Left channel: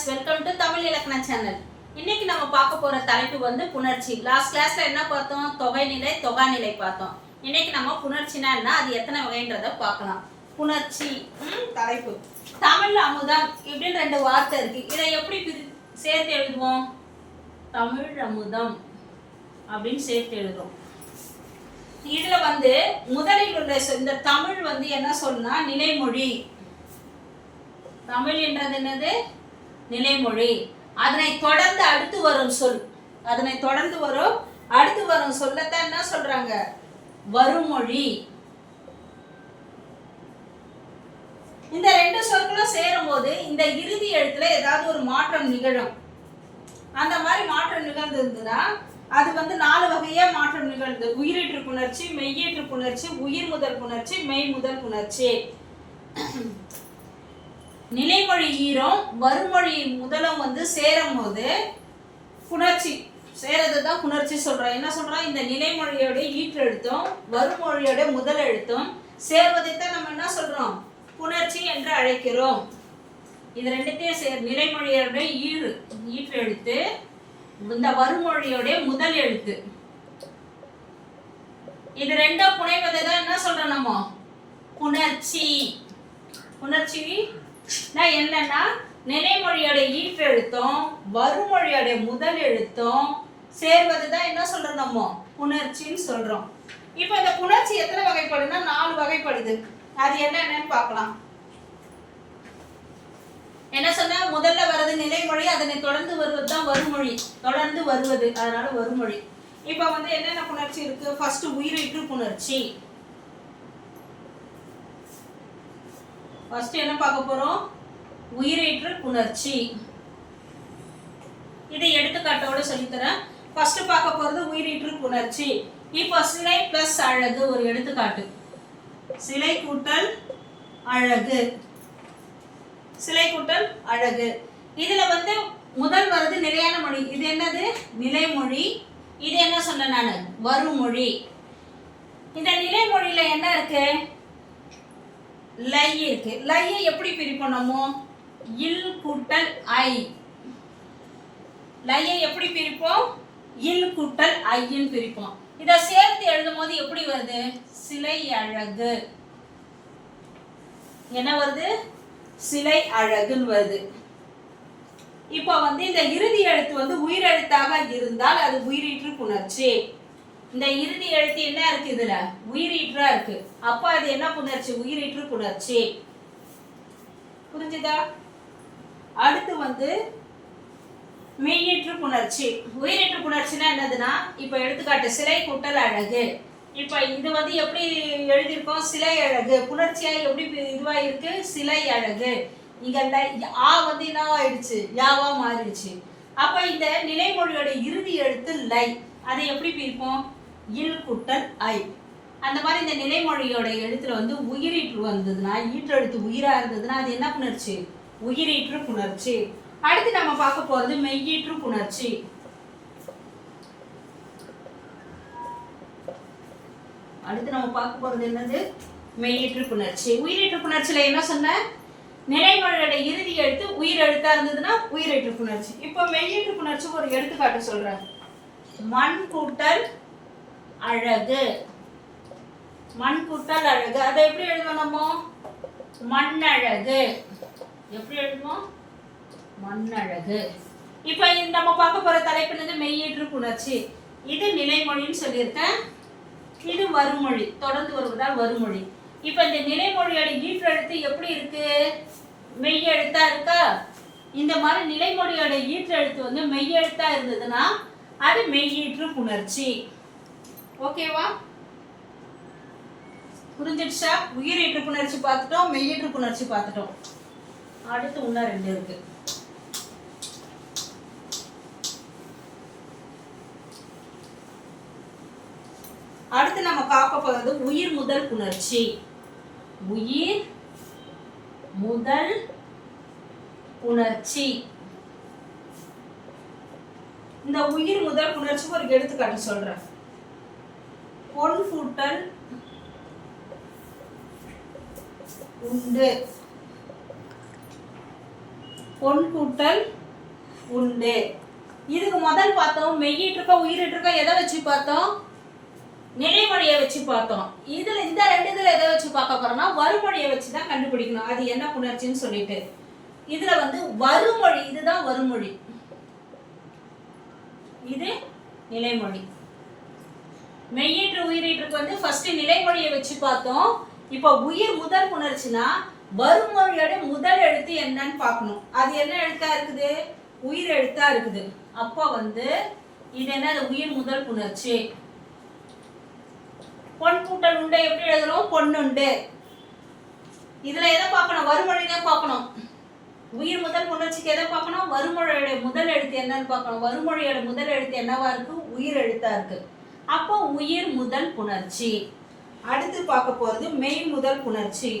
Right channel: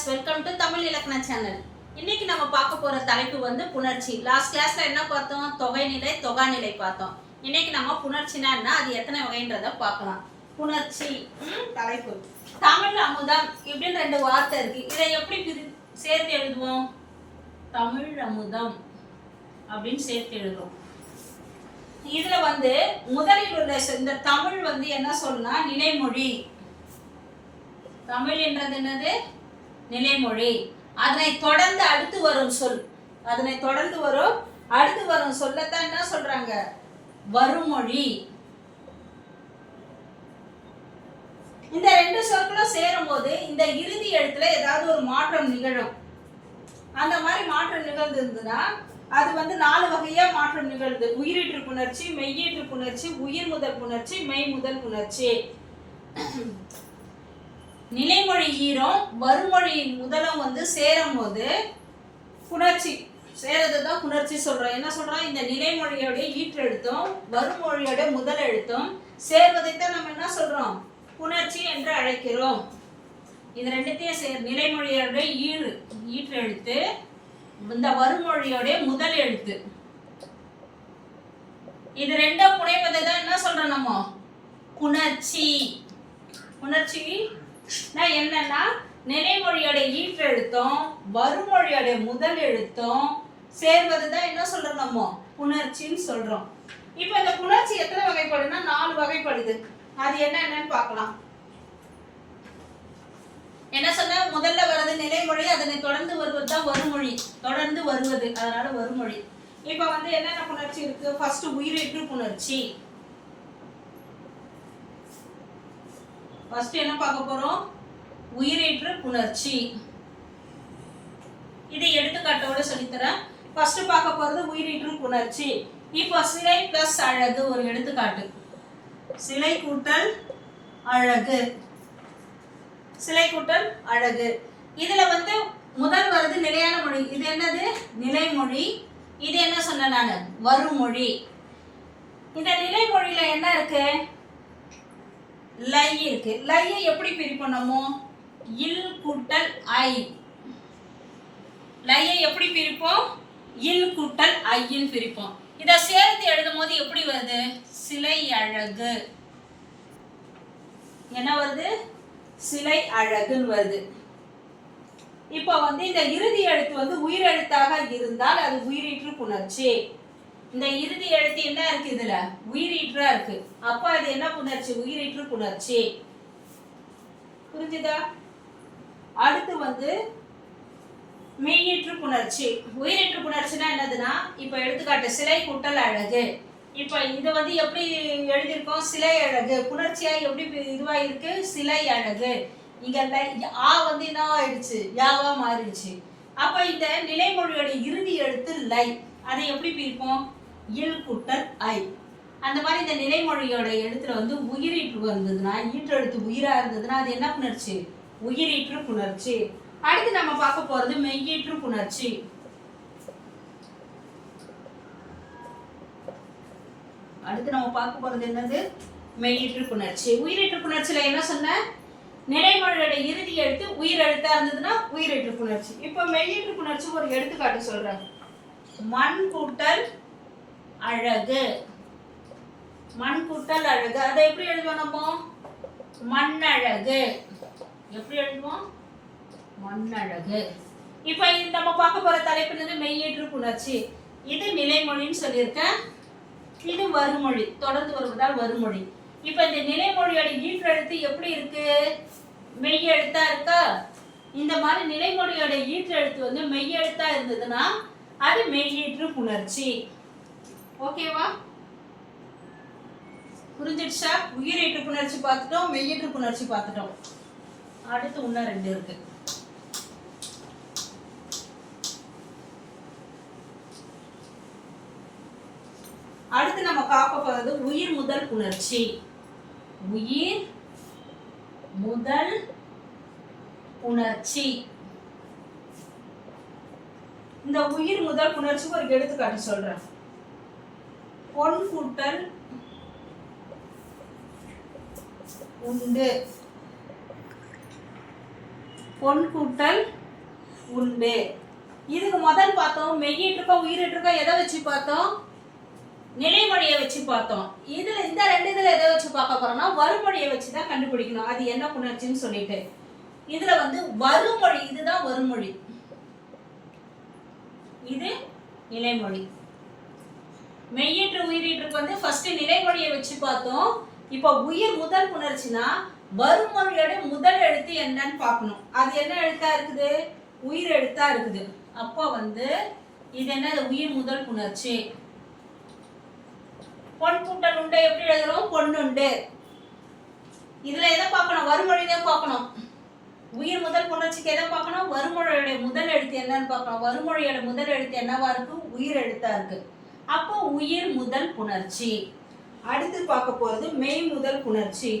Viewers welcome to Tamil இலக்கண channel. இன்னைக்கு நம்ம பார்க்க போற தலைப்பு வந்து புணர்ச்சி. லாஸ்ட் கிளாஸ்ல என்ன பார்த்தோம்? தொகைநிலை தொகாநிலை பார்த்தோம். இன்னைக்கு நம்ம புணர்ச்சினா என்ன? அது எத்தனை வகைன்றத பார்க்கலாம். புணர்ச்சி தலைப்பு. தமிழ் அமுதம் இப்படின்னு ரெண்டு வார்த்தை இருக்கு. இதை எப்படி சேர்த்து எழுதுவோம்? தமிழ் அமுதம் அப்படின்னு சேர்த்து எழுதுவோம். இதுல வந்து முதலில் உள்ள இந்த தமிழ் வந்து என்ன சொன்னா நிலைமொழி. தமிழ் என்றது என்னது? நிலைமொழி. அதனை தொடர்ந்து அடுத்து வரும் சொல். அதனை தொடர்ந்து வரும் அடுத்து வரும் சொல்லத்தான் என்ன சொல்றாங்க? வருமொழி. இந்த ரெண்டு சொற்களும் சேரும் போது இந்த இறுதி எழுத்துல ஏதாவது ஒரு மாற்றம் நிகழும். அந்த மாதிரி மாற்றம் நிகழ்ந்திருந்ததுன்னா அது வந்து நாலு வகையா மாற்றம் நிகழ்ந்து. உயிரீற்று புணர்ச்சி மெய்யீற்று புணர்ச்சி உயிர் முதல் புணர்ச்சி மெய் முதல் புணர்ச்சி. நிலைமொழி ஈரம் வருமொழி முதலும் வந்து சேரும் போது புணர்ச்சி. சேரது தான் புணர்ச்சி சொல்கிறோம் என்ன சொல்றோம் இந்த நிலைமொழியோட ஈற்றெழுத்தும் வருமொழியோட முதல் எழுத்தும் சேர்வதை தான் நம்ம என்ன சொல்றோம்? புணர்ச்சி என்று அழைக்கிறோம். இது ரெண்டுத்தையும் சேர் நிலைமொழியோட ஈறு ஈற்றெழுத்து இந்த வருமொழியோடைய முதல் எழுத்து இது ரெண்டும் புனைவதை தான் என்ன சொல்றோம் நம்ம? புணர்ச்சி. புணர்ச்சி என்னன்னா நிலைமொழியோட ஈற்றெழுத்தும் வருமொழியோட முதல் எழுத்தும் சேர்வது தான் என்ன சொல்றோம் நம்ம? புணர்ச்சின்னு சொல்றோம். இப்போ இந்த புணர்ச்சி எத்தனை வகைப்படுதுன்னா நாலு வகைப்படுது. அது என்னென்னு பார்க்கலாம். என்ன சொன்னா முதல்ல வர்றது நிலைமொழி அதனை தொடர்ந்து வருவது தான் வருமொழி தொடர்ந்து வருவது அதனால வருமொழி இப்போ வந்து என்னென்ன புணர்ச்சி இருக்கு? ஃபர்ஸ்ட் உயிரிட்டு புணர்ச்சி. ஃபஸ்ட்டு என்ன பார்க்க போகிறோம் உயிரீற்று புணர்ச்சி. இதை எடுத்துக்காட்டோட சொல்லித்தரேன். ஃபஸ்ட்டு பார்க்க போகிறது உயிரீற்று புணர்ச்சி. E இப்போ சிலை ப்ளஸ் அழகு ஒரு எடுத்துக்காட்டு. சிலை கூட்டல் அழகு. சிலை கூட்டல் அழகு. இதில் வந்து முதல் வருது நிலையான மொழி. இது என்னது? நிலைமொழி. இது என்ன சொன்னேன் நான்? வருமொழி. இந்த நிலைமொழியில் என்ன இருக்குது லை இருக்கு. லையை எப்படி பிரிப்போம் இல் கூட்டல் ஐ. லையை எப்படி பிரிப்போம்? இல் கூட்டல் ஐன்னு பிரிப்போம். இதை சேர்த்து எழுதும் போது எப்படி வருது? சிலை அழகு. என்ன வருது? சிலை அழகுன்னு வருது. இப்போ வந்து இந்த இறுதி எழுத்து வந்து உயிரெழுத்தாக இருந்தால் அது உயிரீற்று புணர்ச்சி. இந்த இறுதி எழுத்து என்ன இருக்கு இதுல? உயிரீற்றா இருக்கு. அப்போ அது என்ன புணர்ச்சி? உயிரீற்று புணர்ச்சி. புரிஞ்சுதா? அடுத்து வந்து மெய்யீற்று புணர்ச்சி. உயிரீற்று புணர்ச்சினா என்னதுன்னா இப்போ எடுத்துக்காட்டு சிலை குட்டல் அழகு. இப்போ இது வந்து எப்படி எழுதியிருக்கோம்? சிலை அழகு. புணர்ச்சியா எப்படி இதுவாயிருக்கு? இதுவா இருக்கு சிலை அழகு. இங்க இந்த ஆ வந்து என்னவா ஆயிடுச்சு? யாவா மாறிடுச்சு. அப்ப இந்த நிலைமொழியோட இறுதி எழுத்து லை. அதை எப்படி பிரிப்போம்? இல் குட்டல் ஐ. அந்த மாதிரி இந்த நிலைமொழியோட எழுத்துல வந்து உயிரீற்று வந்ததுன்னா ஈற்றெழுத்து உயிரா இருந்ததுன்னா அது என்ன புணர்ச்சி? உயிரீற்று புணர்ச்சி. அடுத்து நம்ம பார்க்க போறது மெய்யீற்று புணர்ச்சி. அடுத்து நம்ம பார்க்க போறது என்னது? மெய்யீற்று புணர்ச்சி. உயிரீற்று புணர்ச்சியில என்ன சொன்ன? நிலைமொழியோட இறுதி எழுத்து உயிர் எழுத்தா இருந்ததுன்னா உயிரீற்று புணர்ச்சி. இப்போ மெய்யீற்று புணர்ச்சி ஒரு எடுத்துக்காட்டு சொல்றேன். மண் கூட்டல் அழகு. மண் கூட்டல் அழகு. அதை எப்படி எழுதுவோம் நம்ம? மண்ணழகு. எப்படி எழுதுவோம்? மண்ணழகு. இப்போ நம்ம பார்க்க போற தலைப்பு மெய்யேற்று புணர்ச்சி. இது நிலைமொழின்னு சொல்லியிருக்கேன். இது வருமொழி தொடர்ந்து வருவதால் வருமொழி இப்போ இந்த நிலைமொழியோட ஈற்றெழுத்து எப்படி இருக்கு? மெய்யெழுத்தா இருக்கா? இந்த மாதிரி நிலைமொழியோட ஈற்றெழுத்து வந்து மெய்யெழுத்தா இருந்ததுன்னா அது மெய்யீற்று புணர்ச்சி. ஓகேவா? புரிஞ்சிடுச்சா? உயிரீற்று புணர்ச்சி பார்த்துட்டோம் மெய்யீற்று புணர்ச்சி பார்த்துட்டோம். அடுத்து இன்னும் ரெண்டு இருக்கு. அடுத்து நம்ம பார்க்க போகிறது உயிர் முதல் புணர்ச்சி. உயிர் முதல் புணர்ச்சி. இந்த உயிர் முதல் புணர்ச்சிக்கு ஒரு எடுத்துக்காட்டு சொல்றேன். பொன் கூட்டல் உண்டு. பொன் கூட்டல் உண்டு. இதுக்கு முதல் பார்த்தோம் மெய்யிட்டிருக்கா உயிரிட்டிருக்கா எதை வச்சு பார்த்தோம்? நிலைமொழியை வச்சு பார்த்தோம். இதுல இந்த ரெண்டு இதுல எதை வச்சு பார்க்க போறோம்னா வறுமொழியை வச்சு தான் கண்டுபிடிக்கணும். அது என்ன புணர்ச்சின்னு சொல்லிட்டு. இதுல வந்து வறுமொழி இதுதான் வறுமொழி. இது நிலைமொழி. மெய்யீற்று உயிரீற்றுக்கு வந்து ஃபர்ஸ்ட் நிலைமொழியை வச்சு பார்த்தோம். இப்போ உயிர் முதல் புணர்ச்சினா வறுமொழியோட முதல் எழுத்து என்னன்னு பார்க்கணும். அது என்ன எழுத்தா இருக்குது? உயிர் எழுத்தா இருக்குது. அப்போ வந்து இது என்ன? உயிர் முதல் புணர்ச்சி. பொன் கூட்டல் உண்டை எப்படி எழுதுறோம்? பொண்ணுண்டு இதுல எதை பார்க்கணும்? வறுமொழி தான் பார்க்கணும். உயிர் முதல் புணர்ச்சிக்கு எதை பார்க்கணும்? வறுமொழியோட முதல் எழுத்து என்னன்னு பார்க்கணும். வறுமொழியோட முதல் எழுத்து என்னவா இருக்கு? உயிர் எழுத்தா இருக்கு. அப்போ உயிர் முதல் புணர்ச்சி. அடுத்து பார்க்க போறது மெய் முதல் புணர்ச்சி.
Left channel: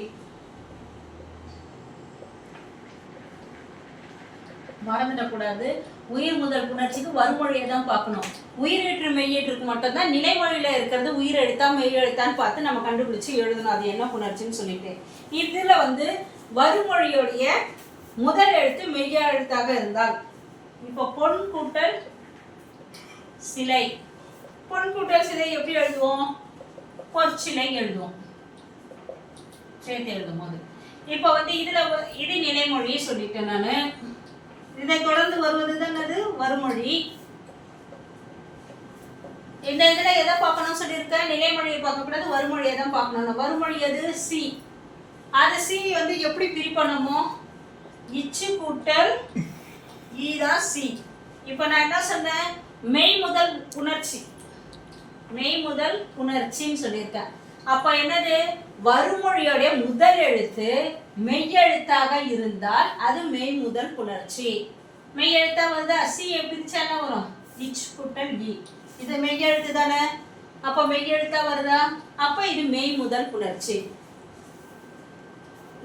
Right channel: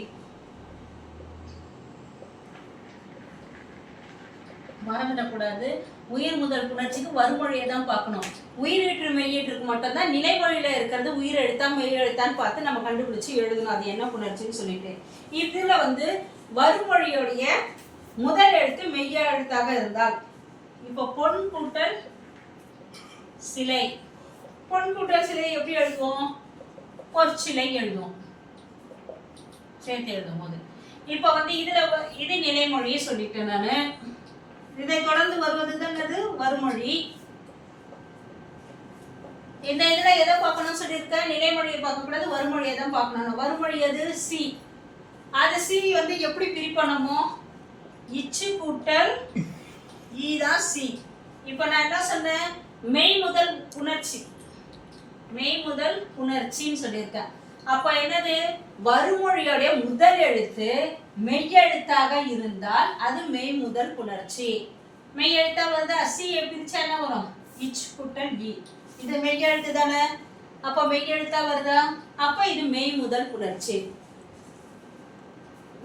மறந்துடக்கூடாது உயிர் முதல் புணர்ச்சிக்கு வறுமொழியை தான் பார்க்கணும். உயிரீற்று மெய்யீற்றுக்கு மட்டும்தான் நிலைமொழியில் இருக்கிறது உயிர் எழுத்தா மெய் எழுத்தான்னு பார்த்து நம்ம கண்டுபிடிச்சு எழுதணும். அது என்ன புணர்ச்சின்னு சொல்லிட்டு. இதுல வந்து வறுமொழியோடைய முதல் எழுத்து மெய்யா எழுத்தாக இருந்தால். இப்போ பொன் கூட்டல் சிலை. பொன் கூட்டல் சிலை எப்படி எழுதுவோம்? பொற்சிலை எழுதுவோம். சேர்த்து எழுதும் போது. இப்போ வந்து இதுல இது நிலைமொழியை சொல்லிட்டேன் நான். இதை தொடர்ந்து வருவது தானது வறுமொழி இந்த இதுல எதை பார்க்கணும்னு சொல்லியிருக்கேன் நிலைமொழியை பார்க்கக்கூடாது வறுமொழியை தான் பார்க்கணும். வறுமொழி அது சி. அது சி வந்து எப்படி பிரிப்பணுமோ இச்சு கூட்டல் தான் சி. இப்போ நான் என்ன சொன்னேன்? மெய் முதல் உணர்ச்சி. மெய் முதல் புணர்ச்சின்னு சொல்லியிருக்கேன். அப்போ என்னது? வறுமொழியோடைய முதல் எழுத்து மெய்யெழுத்தாக இருந்தால் அது மெய் முதல் புணர்ச்சி. மெய் எழுத்தா வந்து அசி பிரிச்சா என்ன வரும்? இச் குட்டன் வி இது மெய்யெழுத்து தானே? அப்போ மெய்யெழுத்தா வருதா? அப்போ இது மெய் முதல் புணர்ச்சி.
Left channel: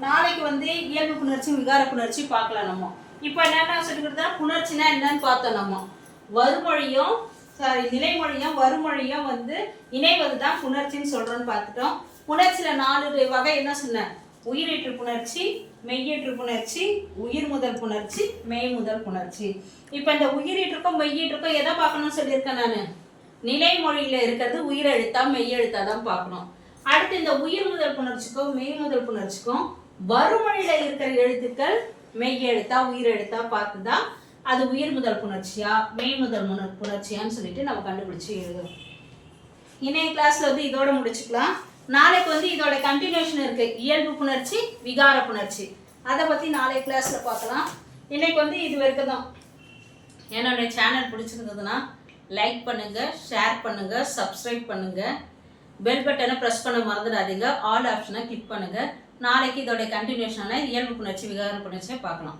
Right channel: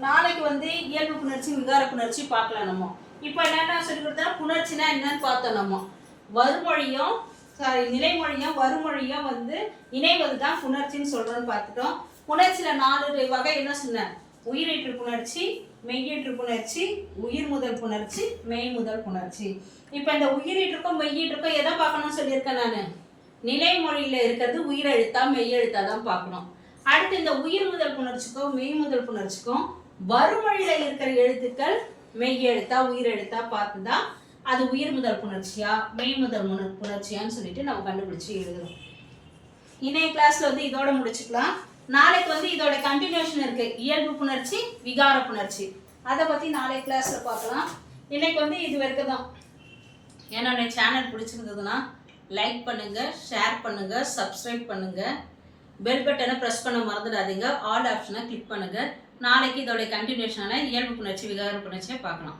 நாளைக்கு வந்து இயல்பு புணர்ச்சி விகார புணர்ச்சி பார்க்கலாம் நம்ம. இப்போ என்னென்ன சொல்லிக்கிறதா புணர்ச்சினா என்னன்னு பார்த்தோம் நம்ம. வருமொழியும் சாரி நிலைமொழியும் வறுமொழியும் வந்து இணைவது தான் புணர்ச்சின்னு சொல்றோம்னு பார்த்துட்டோம். புணர்ச்சியில நாலு வகை என்ன சொன்னேன் உயிரீற்று புணர்ச்சி மெய்யீற்று புணர்ச்சி உயிர் முதல் புணர்ச்சி மெய் முதல் புணர்ச்சி. இப்போ இந்த உயிரீற்றுக்கும் மெய்யீற்றுக்கும் எதை பார்க்கணும்னு சொல்லியிருக்கேன் நான்? நிலைமொழியில இருக்கிறது உயிரெழுத்தா மெய்யெழுத்தா தான் பார்க்கணும். அடுத்து இந்த உயிர் முதல் புணர்ச்சிக்கும் மெய் முதல் புணர்ச்சிக்கும் வறுமொழியில இருக்கிற எழுத்துக்கள் மெய்யெழுத்தா உயிரெழுத்தா உயிர் பார்த்து தான் அது உயிர் முதல் புணர்ச்சியா மெய் முதல் முன புணர்ச்சியான்னு சொல்லிட்டு நம்ம கண்டுபிடிச்சு எழுதுறோம். இணைய கிளாஸ்ல வந்து இதோட முடிச்சுக்கலாம். நாளைக்கு வந்து இதோட கண்டினியூஷன் இருக்கு. இயல்பு புணர்ச்சி விகார புணர்ச்சி. அதை பத்தி நாளைய கிளாஸ்ல பார்க்கலாம். இன்னைக்கு வந்து இது வரைக்கும் தான். என்னோட சேனல் பிடிச்சிருந்ததுன்னா லைக் பண்ணுங்க ஷேர் பண்ணுங்க சப்ஸ்கிரைப் பண்ணுங்க. பெல் பட்டனை ப்ரெஸ் பண்ண மறந்துடாதீங்க. ஆல் ஆப்ஷனை கிளிக் பண்ணுங்க. நாளைக்கு இதோட கண்டினியூஷனான இயல்பு புணர்ச்சி விகார புணர்ச்சியை பார்க்கலாம்.